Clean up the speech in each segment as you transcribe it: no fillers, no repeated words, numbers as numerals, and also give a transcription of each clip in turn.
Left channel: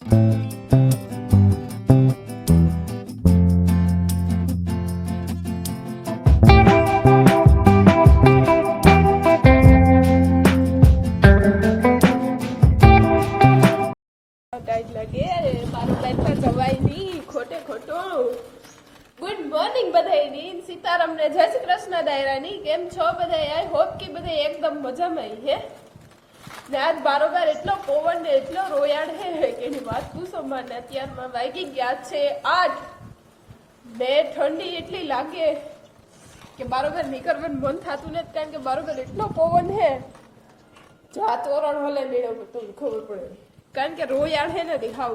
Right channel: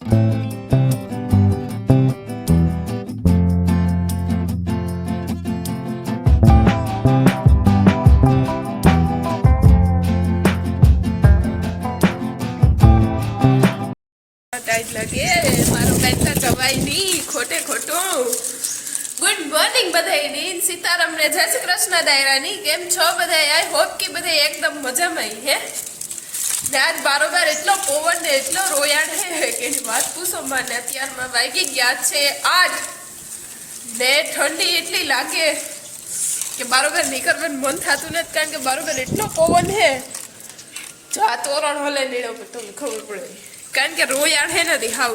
Good morning બધાયની Sitaram ને જય શ્રી કૃષ્ણ દાયરાની કેમ છો બધા? આઈ હોપ કે બધા એકદમ મજામાં હે ને આજ બારોબાર એટલો પવન ને એટલો રોયાણ હે કે એની વાત પૂછો મને. અત્યારમાં વાગી ગયા છે 8 ને ઠંડી એટલી લાગે કે બારોબાર નીકળવાનું મન થતું નથી, કારણ કે બારોબાર એટલો પવન હે જો આ તોરણ હલે નીડો તમને ખબર પડે, કારણ કે રોયાણ હે નથી હાવ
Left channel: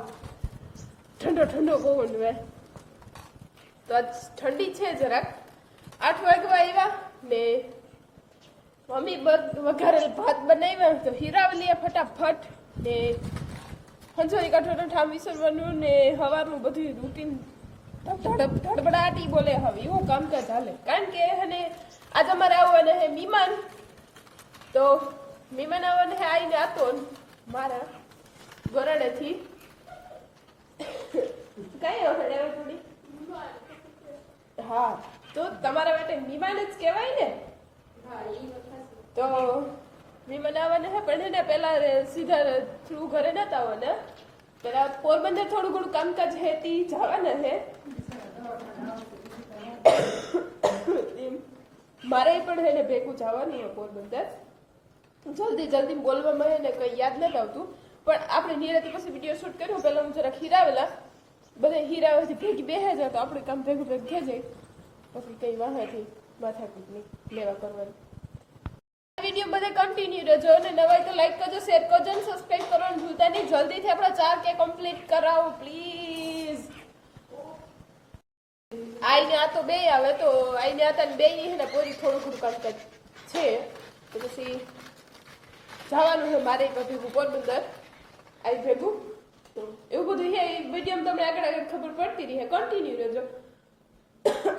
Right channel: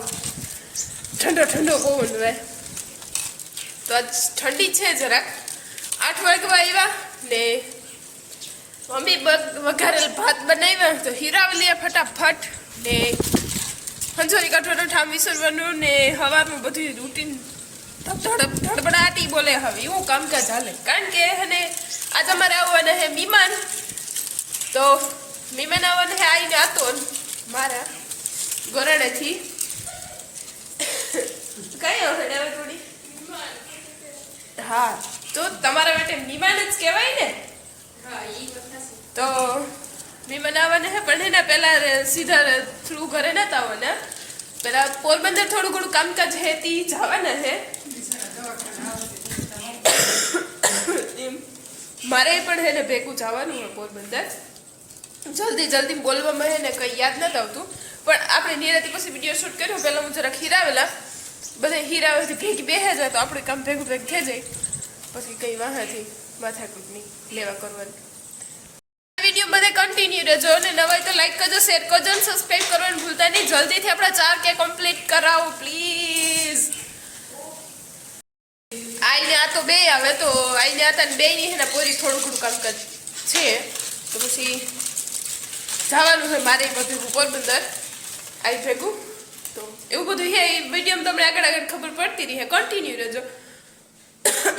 ઠંડો ઠંડો પવન હોય. તો આજ ઠંડી છે જરાક. 8 વાગવા આવ્યા ને મમ્મી વઘારેલ ભાત બનાવ્યા તો હીરાવલીએ ફટાફટ ને હંજોરી કઠોળનો ઠામ વિસરવાનું ને હવાનું બધું રૂટીન ધડબડાટી બોલે હવે એવું કામકાજ હાલે. કારણ કે અને આજ અમારે આવવાના હે મહેમાન, તો મહેમાન આવવાના હે આવીને આતો મારા ગોરાડેથી કઈ હવે થોડી હા તો તમારા માટે મહેમાન જ કહેવાય ને. તો મહેમાન આવવાના હે પણ એના પહેલા સીધા થ્રુ ઘરે નતા આવવાના, પેલા પોરબંદર થોડું ઘણું કામકાજ હે તી જવાના હે. મારે પણ હે ને ભેગું જવાનું હોય પોરબંદર. જલ્દી બોલવામાં હે ને કંઈ યાદ નથી આવતું, પણ આપણે નિરાતી પછી વિડીયો શૂટ કર્યો. પહેલાં હું જરાક હીરાવેલા બધા હીરાવાથી ભેગી બેસે જાય તો આપણે કામ ભેગું થઈ જાય, પછી કંઈ વાહાથી માથાકૂટ નહીં લેવા કરવાની. વિડીયો બધે કન્ટિન્યુ રહેજો અને નવાય તો લાઈક કરજો, શેર કરજો અને સબસ્ક્રાઈબ કરવાનું ભૂલતા નહીં. જલ્દીથી આપણા 4K કમ્પ્લીટ કરાવો પ્લીઝ. આઈને આ તો બે આવે તો આઈને આતા ને બે ની હે ને પૂરી થોડું ઘણું કામકાજ છે, તો પછી જવાનું હોય મારે બધું પોરબંદર આવી ભેગું. તો એવું બધું હે એ વિડીયો તમને આગળ ખબર પડતી રહી, કન્ટિન્યુ રહેજો.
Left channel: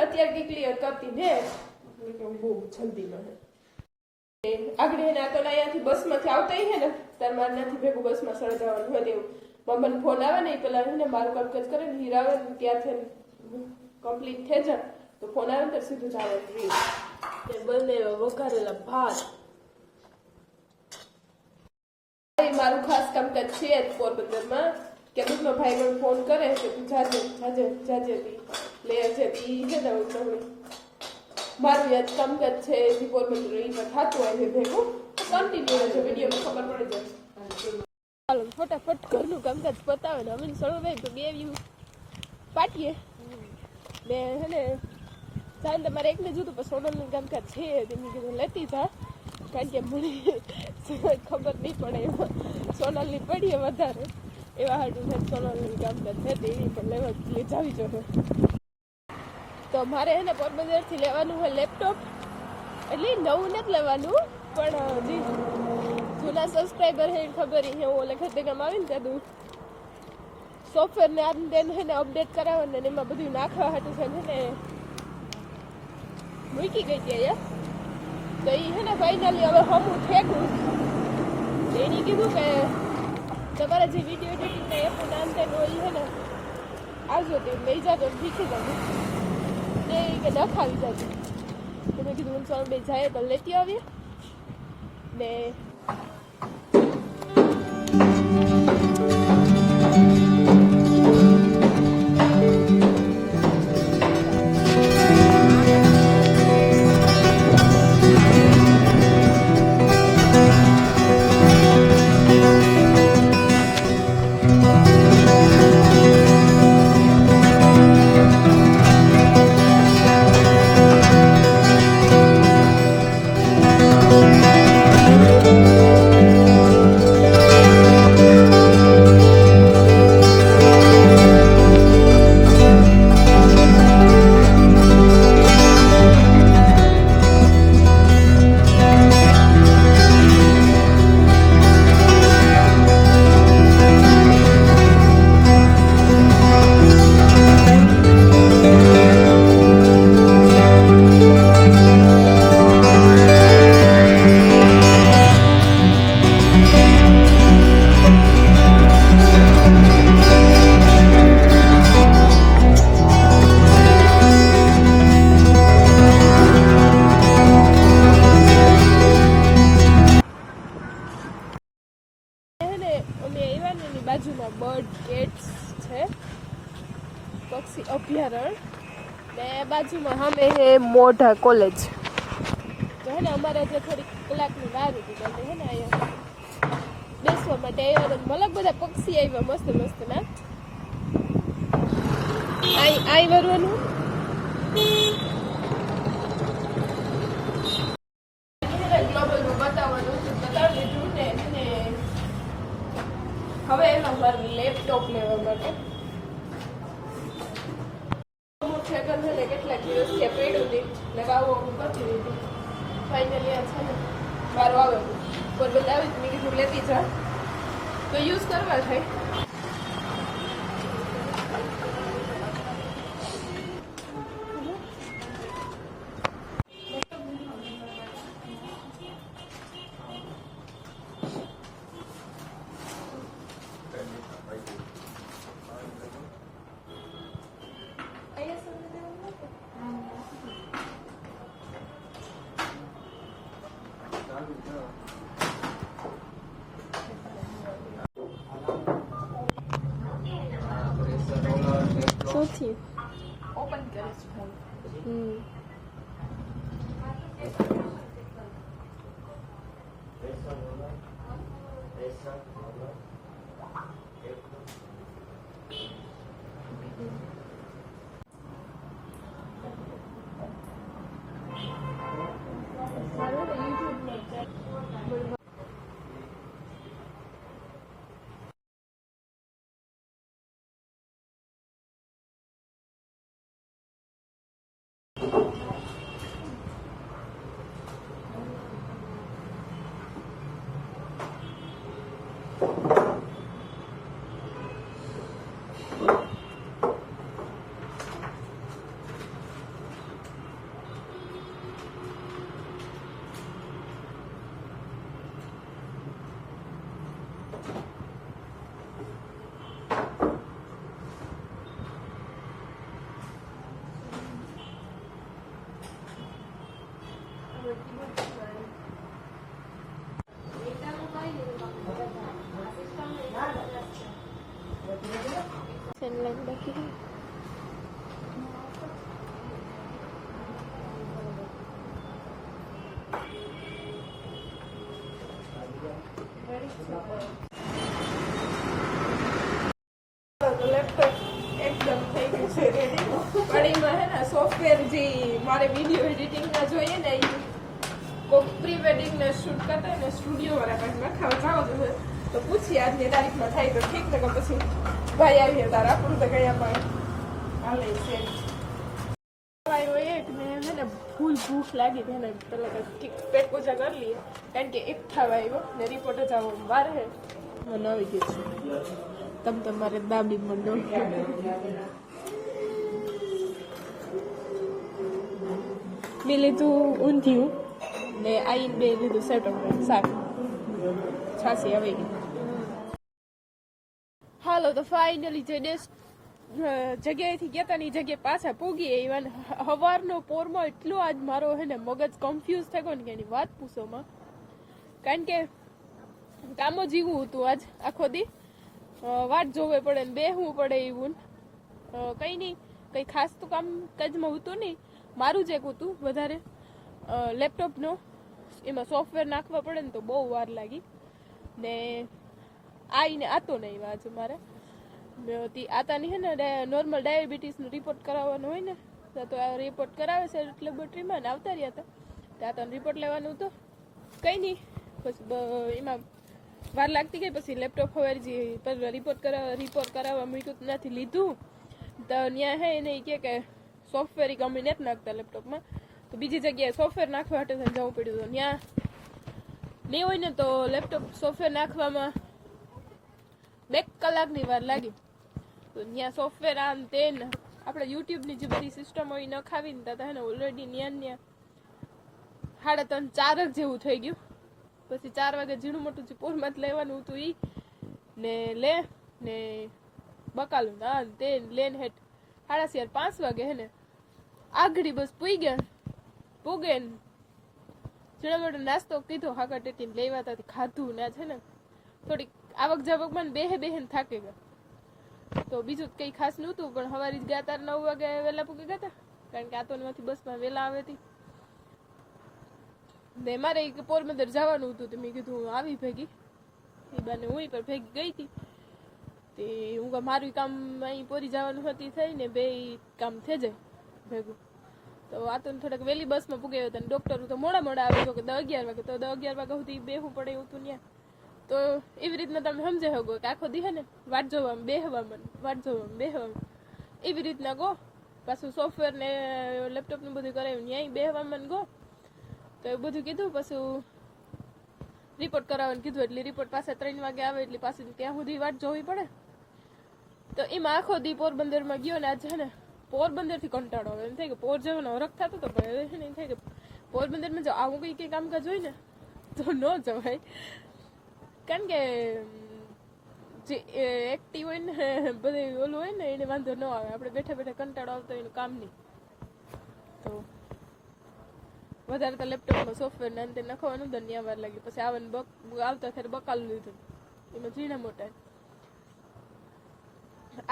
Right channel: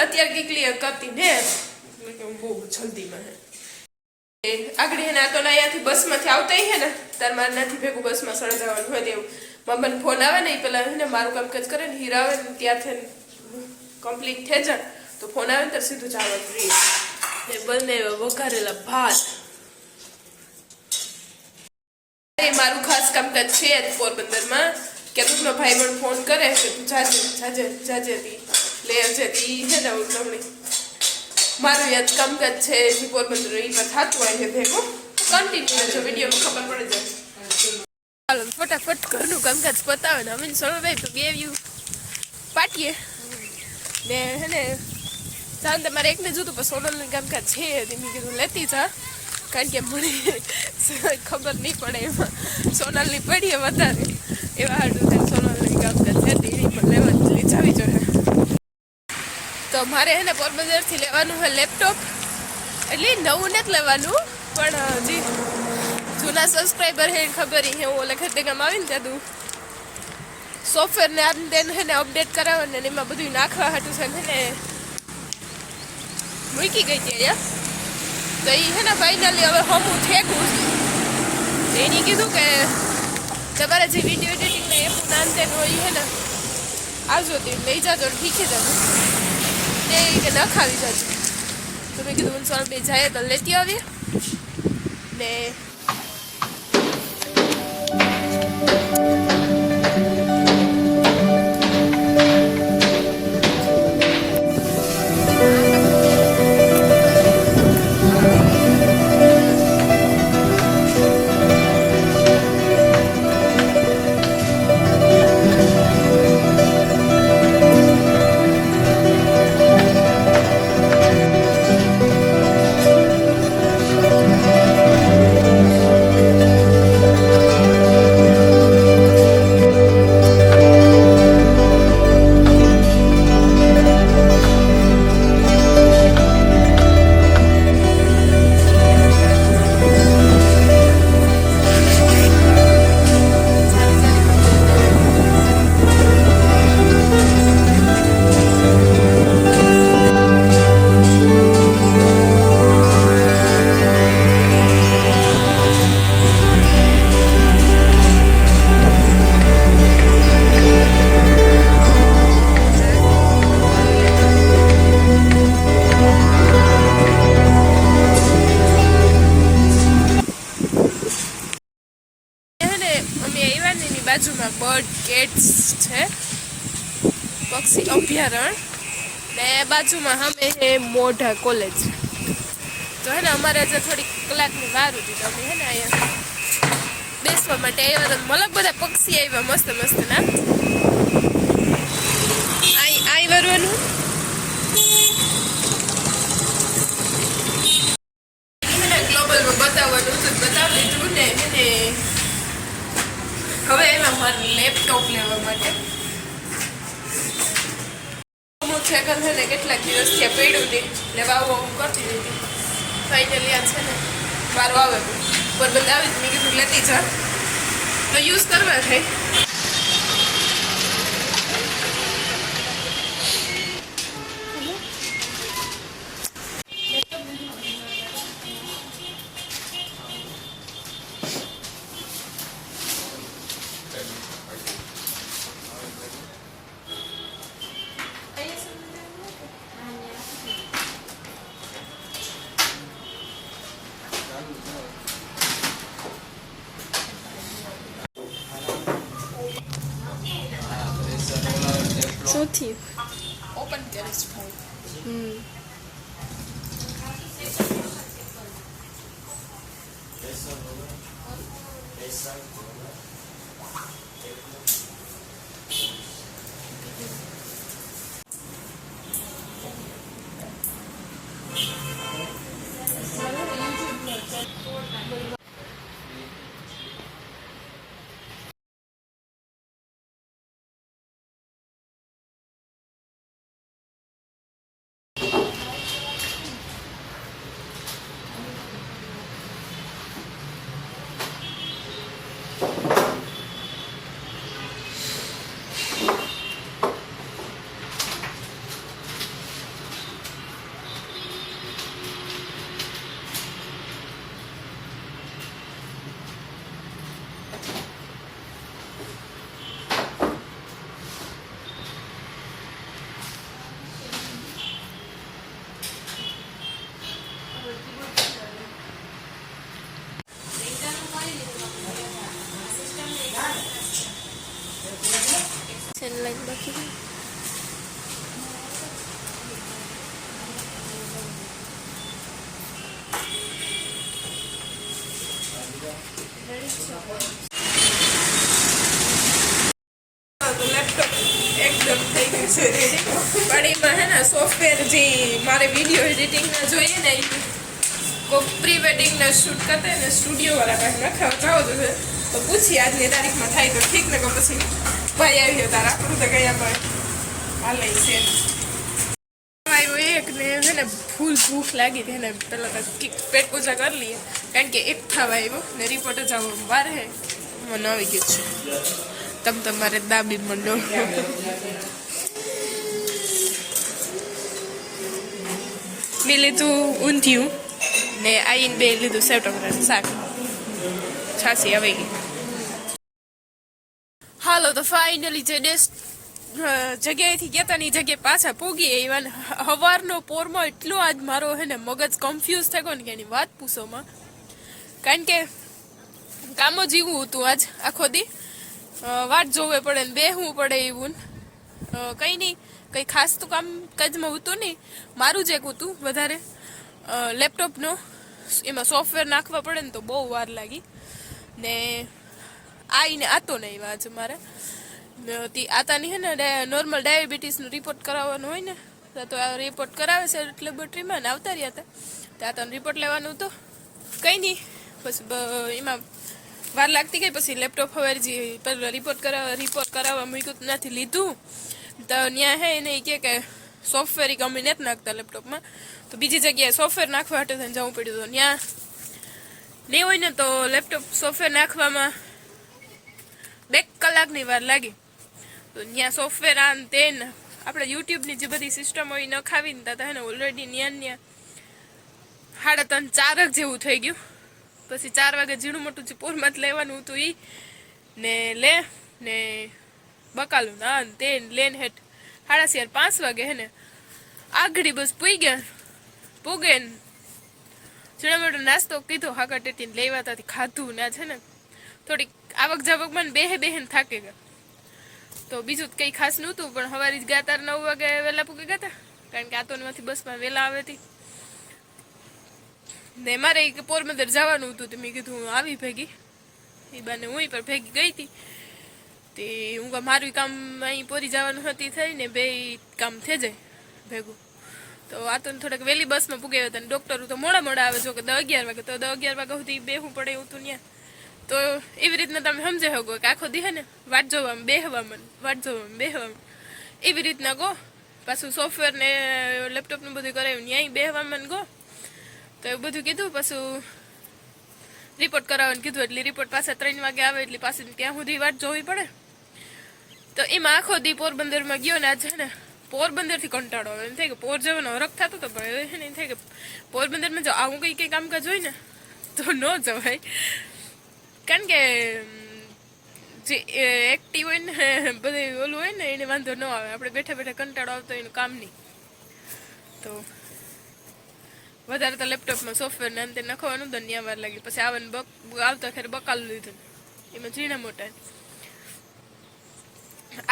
અત્યારે કંઈક ક્લિયર કરતી ને બહુ જલ્દીમાં હે આગળ હે ને આ તો અહીંયાથી બસમાંથી આવતા હે ને તાર મારે નથી ભેગું બસમાં સળગાવવાનું હોય તેવું. મમ્મીને ફોન આવે ને એ પેલા હે ને મારું કામકાજ કરે ને હીરા આવે ને ત્યારથી કમ્પ્લીટ થઈ જાય તો ફોન આવે ને ત્યારે સીધું જવાનું રહી ને બંને વઘારેલા ભાત. મારું ખાસ કામકાજ છે પોરબંદરમાં કે દુઃખનો ભાઈ મને ફોન કરે કે તું જાજે લે આવજે ઈ છે ને તમને મારું યાદ કામકાજ છે જે પોરબંદર એ પર થતું હોય છે ભેગું. તો કન્ટિન્યુ રહેજો, વિડીયોમાં ખબર પડે જાય. ચાલો ફટાફટ ઘરનું કામકાજ પતાવે ને અમે સોનલભાઈ તો બે વ્યૂ પાટીએ ને હે ને જાણ તમારે એકને જોતું પણ સોનલનું કામકાજ છે મેં કીધું લેતી જા, કારણ કે મને ખબર નહીં પડે એમાં સોનલની પડીએ વધારે એવા હાટું છે. સોનલની કામકાજ છે એની પણ લેવા લઈ જાવી જોઈએ. તો મારે હે ને પોરબંદરથી લેવાનું હોય લેપટોપ, એટલે નવું નથી લેવાનું પણ હજી જૂના સબસ્ક્રાઈબર હે ખબર હે હું ઓલે ખેતેગામ આવીને ત્યાં તું સોફ્ટવેરને આમ તેને હે ને અપડેટ કરાવવાને ને એમાં બધું નાખવા હાટું છે ને મૂકી ગઈ ત્યાં. તો એ છે ને ફાઇનલી હવે હમું ઠેકું એની કીધું કે તમારે જે વિડીયો એડિટિંગને એપનું નામ તેનું હોય છે ને આવજો તે લઈ જાજો શીખી જજો તે કે નખાવી જજો. તો મેં કીધું મને સોન બે જાય તો લેતી આવીએ ને અમે આવ્યા ને એની બાજુમાં બર્ડ કેટ્સ છે, પક્ષી અભયારણ્ય, ને બાજુમાં અમે હે મોઢા કોલેજ. તો હે ને અમારે જે થોડીક કલાકની વાર હતી, તો અમે હે ને અહીંયા બેસવા માટે આવ્યા. તો મલક બધા પક્ષી આવ્યા મસ્ત મસ્ત ના. આઈ વરવાનું ગ્લોબલમાં બતાવવાનું હતું, બતાવી લીધું ને એને. હવે એમાં મારે લેપટોપ લેવા માટે હું છે કે છે ને કેટલાક દિવસથી પડ્યું હતી, લેવા આવું કરતી હતી. ફાઇનલી આ છે ને મારું આવે પોરબંદર આવી, મેં કીધું લેતી જા, તો યુઝ કરવા છે. શું થયું? ઓપન કરીશ ભાઈ. લાઈન બાકી લેપટોપ એકદમ થઈ ગયું છે રેડી. પણ એમાં હે ને સોફ્ટવેર જે મારે વિડીયો એડિટિંગના જોઈએ ને, કોઈ પ્રી વેડિંગના શૂટ કરતા ને સ્ટુડિયો વાળા પાસે નખાવ જાઓ તો પૂછી આજની તારીખમાં થાય તો ઠીક ને, પછી ભાઈ આવ્યો તાર આપણું તો કઈ આપણે હાલે છે. આવ્યો એક ને હે ને ફૂલ ભૂખ લાગી હતી ને, પેલા તો પેટ પૂજા કરી લઈએ, કારણ કે એક થવા આવ્યો ને રિપોર્ટ જ આવો વાર હે મને આવી ગયું છે. તમારે દાબી મંડો મેં લીધું ઊંધિયું ને આઈને બે લીધું સેવ ટમેટાનું શાક, છાસી આવી ગઈ. હાલો તો ફાઇનલી જે જગ્યાએથી ગયા હતા ને એ જગ્યાએ પાછા પૂગી એવા. સવારનો પોરમાં એટલો આજ મારો હે ને મગજ કન્ફ્યુઝ થયો ને કે એની વાત પૂછોમાં, કારણ કે કામ જ એવું હતું આજ આખો દી. વાટ જોવે પડે ને બેહવું પડે એવું, કંઈ નહીં, કંઈ ખાસ તો કામ કાજમાં હતું નહીં. મારું જ એક હતું વધારે લેપટોપનો, એમાં સોફ્ટવેર નાખવા પડે ને તો બહુ વાર લાગી ને આઈને આતો નહીં આજે મારે. આતાની હે ને નોર્મલ ડાયાબિટીસનો રિપોર્ટ કરાવવાનો હોય ને, તો આ રિપોર્ટ કરાવે છે એટલે બેટરીમાં ને આવતા રહ્યા હતા. ત્યાં તો રિપોર્ટ લેવાનું હતું, કંઈ નહીં, પછી એમાં વાર લાગતી ગઈ. પછી લેપટોપ હવે જે પેલા રિપોર્ટ કરાવવા મૂક્યું નથી લીધું, તો ત્યાં હે એને કે સોફ્ટવેર અમે નથી નાખતા લેપટોપમાં, તો બીજી જગ્યાએ સોફ્ટવેર નાખવા માટે થઈને જવું પડ્યું. તો ત્યાં નહીં હોય ને તો લેપટોપ સોફ્ટવેર નાખવામાં 2 કલાકની વાર લાગી. તો ત્યાં સોફ્ટવેર આ તે આપણે યુટ્યુબની જે બધી સિસ્ટમ હોય એ નખાવીને હતા ને ઓલરેડી ત્યાં 3:30-4 જેવું થઈ ગયું. પછી 4 વાગે ઝીણું મોટું જે પોરમાં જ લેવાનું હતું એ ને લે ને બકાલું ના તે લેન હેઠ 4:30-5 વાગે હે ને આગળી બસ પૂગે ને ઝીણો મોટો નાસ્તો કીધો હાકા ટેટીને લેવા ત્યાંથી ખાધું ને છે ને થોડીક આવક જાવકમાં બેહે બેહેન થાકે ગયા. તો બીજું કંઈ ખાસ નહોતું, પણ સવારે જ ગયા તાર 9 વાગે વહેલા પૂકી ગયા હતા, કારણ કે આતોનમાંથી બસમાં વહેલા આવે હતી. ને મારે પોરબંદર જવાનું હતું, તો મેં કીધું હું આવી ભેગી, એ બાને હું પણ ભેગી ગઈ હતી. તે હું મારું કામ અહીં પોરી જવાનું હતી થઈને બે કામ થઈ જાય ભેગું. તો આ તો થોડાક વહેલી બસમાં પૂગાવ્યા હતા, અને ડૉક્ટર તો મોડા આવે, જો કે 10-11 વાગે, તો 10-11 વાગ્યા સુધી બેહવું પડે એવું હતું ત્યાં. તો એવી રીતના તમે સમજે શકો કે આખો દી હે ને વાટ જોવામાં બેહવામાં એવી રીતના ગો. પાછું સોફ્ટવેર ને લેપટોપનું બધું કરાવ્યું, ત્યાંય બેહવામાં ગો. તો એવું બધું કીધું, પાછું રિપોર્ટ કરાવવાનું કીધું, એટલે રિપોર્ટ પાછા 3 વાગે આવે, એટલે પાછી ત્યાં સુધી વાટ જોવી પડે. તો એમાં આખો દી પોરબંદરમાં ગયો ને આજે હે ને પોરબંદરથી કંટાળો આવે, એમ થાય કે પોર જવાનો હરખ થતો હતો, પણ હવે એમ થાય કે પોરબંદરમાં જો આવું કંઈ કામકાજ હોય ને તો ન જવાય. કારણ કે જે એક્ટિવ હોય ને બધું ઓલું હોય ને એને વાંધો ન આવે, આપણે બેઠા બેઠા કંટાળો આવતો એનું કામ નહીં. તો વધારે તો લેપટોપમાં સોફ્ટવેર ને અંતે નાખવાનું તો ત્યાં વાર લાગી, પછી આવતા ખેર બકાલું લીધું, એમાં ઝીણા મોટા.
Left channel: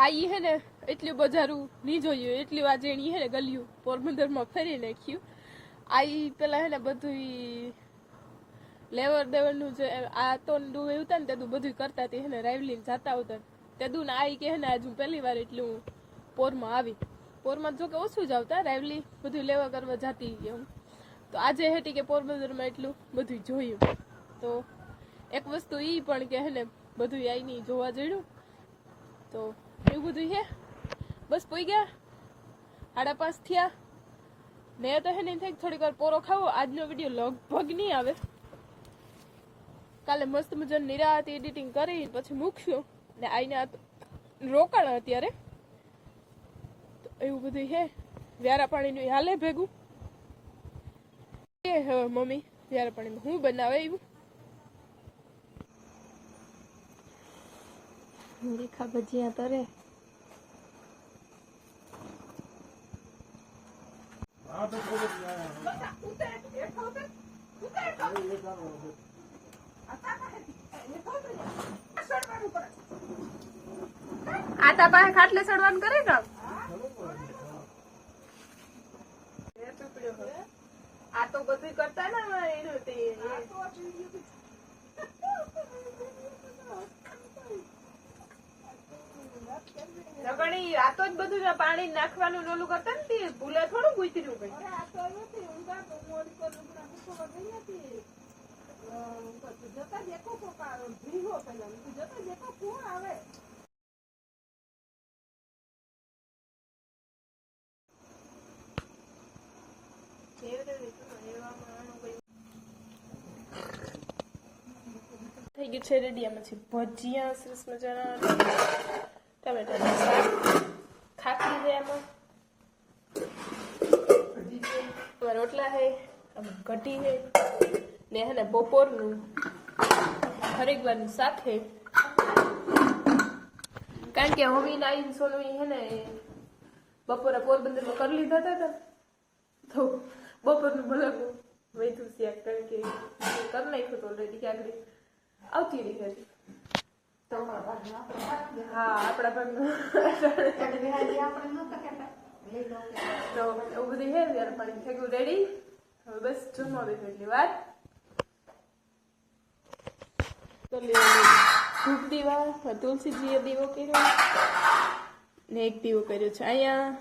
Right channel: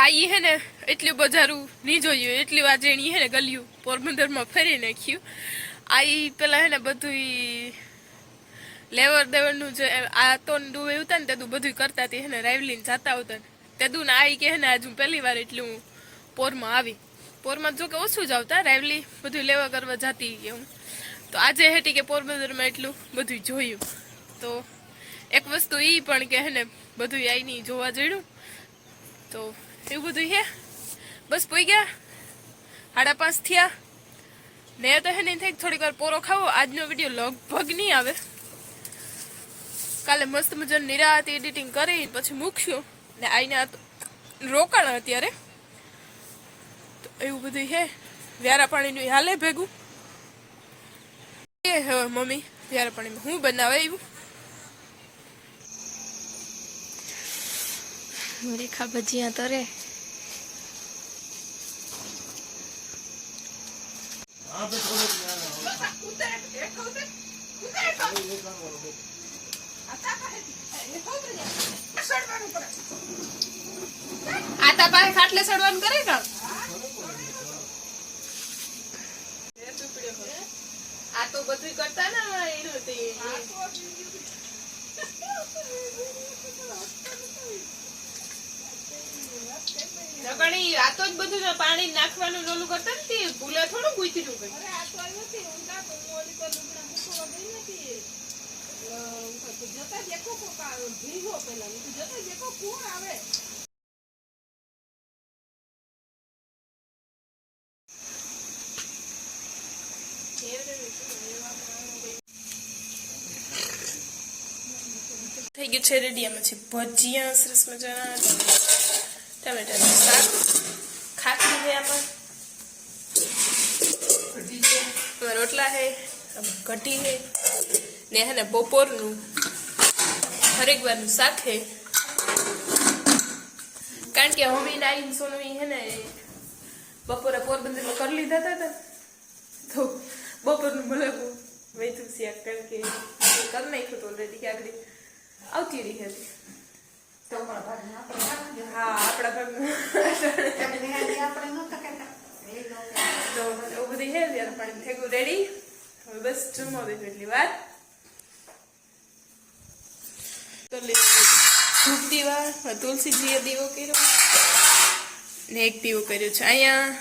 આ ઈ હે ને એટલું બજારું નહીં જોયું, એટલું આજે એની હે ને ગલ્યું પોરબંદરમાં ફરી નાખ્યું. આ ઈ પેલા હે ને બધું લેવર દેવરનું જે આ તો ડુવે ઉતા ને તેદું બધું કરતા હતી હે ને રાયવલીને જતા આવતા તેદું ને આ ઈ કે હે ને આજ હું પહેલી વાર એટલું હું પોરમાં આવી. પોરમાં જો કે ઓછું જ આવતા, રાયવલી બધું લેવા કરવા જતી કે હું. તો આજે હેટી કે પોરબંદરમાં એટલું બધું જોયું. તો એક વસ્તુ એ પણ કે હે ને બધું આઈની જોવા જડ્યું. તો એવું બધું હે. બસ પોઈ ગયા 5:30 થયા ને. તો હે ને થાય થોડીક વાર પોરો ખાવો. આજનો વિડીયો લગભગ નહીં આવે, કાલે મસ્ત મજાની નિરાહતી એડિટિંગ કરી પછી મૂકશું ને. આઈને રોકાણ અત્યારે તો એવું બધું હે. વ્યારા પાણીનું હાલે ભેગું એ હવે મમ્મી વ્યારા પાણીમાં હું બનાવે એવું રેખા ભજીયા તરે. આતા પાસે ખાટલે ચડવાનું કરે કામ. આ તો બધું કરતા ને એનું આ તો જ બધું પાણી નાખવાનું ઓલું કરતા ને ભૂલે થોડું ગુઈતી નું કઈ. થઈ ગયું છે રેડી. આમાં છે ભજીયા સરસ મજાના, ટમેટાનું શાક, ખાખરી છે, આમાં રોટલા છે, આમાં કઢી છે ને હે ને બપોરનું હરેકવારનું શાક છે. કારણ કે હવે નાઈ સોનું હે ને બપોરે પોરબંદરમાં કરી લીધા હતા તો બપોરનું મલકું વૈધું શાક, કારણ કે કરી નાખ્યું તો ઓલરેડી કે આગળ આવતી રહી હતી. તો હા આપણા ભાગનું તો એવું બધી હે. ત્યારે પણ થેગું રેડી. હવે બસ જમવા બેઠું એટલી વાત ધૂપ દીવા. તુલસીજીએ દીવો કર્યો ને એક દીવો કર્યો છે અહીંયા.